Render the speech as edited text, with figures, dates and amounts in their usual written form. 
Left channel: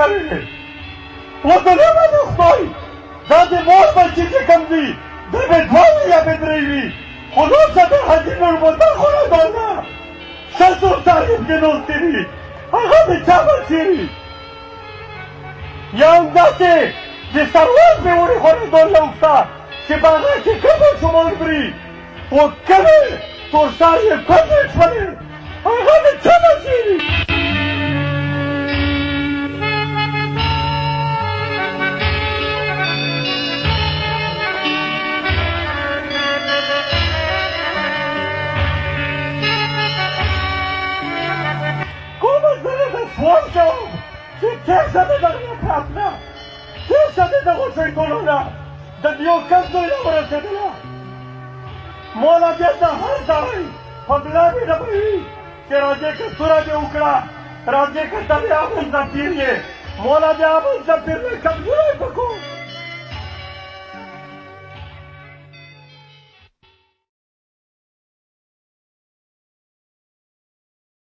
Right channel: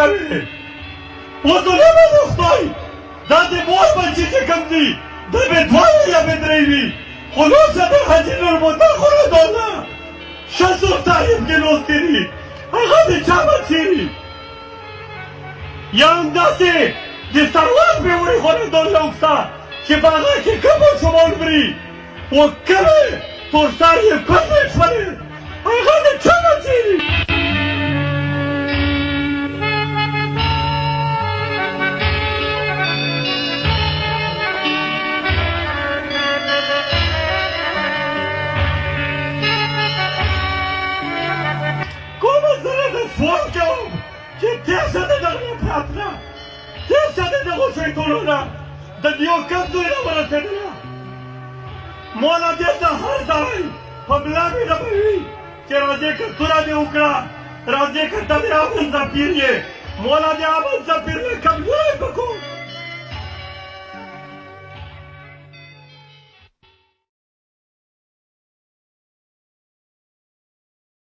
کوي وطنونه د خدای دا د مور بچي چې کوم دي دا به دوه یا به درې وي خو نوسه د حاجي نورمحمد خورادونه شمسور صاحب کې نوستې دي هغه د چا بچي وي یا همداسې د سروان مې ورېښودل لوکسه چې په هغه کې کوم ماشومان مري خو کومې تورسر یې کومې شولې هغه د چا بچي وي سوال کوم چې تیزه د دغه پراتله تیزه د دغو شیطانونه د دیو کم ځای راورسېدله مولا دې ته هر ځای په ملا مې ربوي چې راځې که توره دې وکړه راځې که ته دې امن ځپیر یې مولا دې امن ځپیر نه کمزوری په کو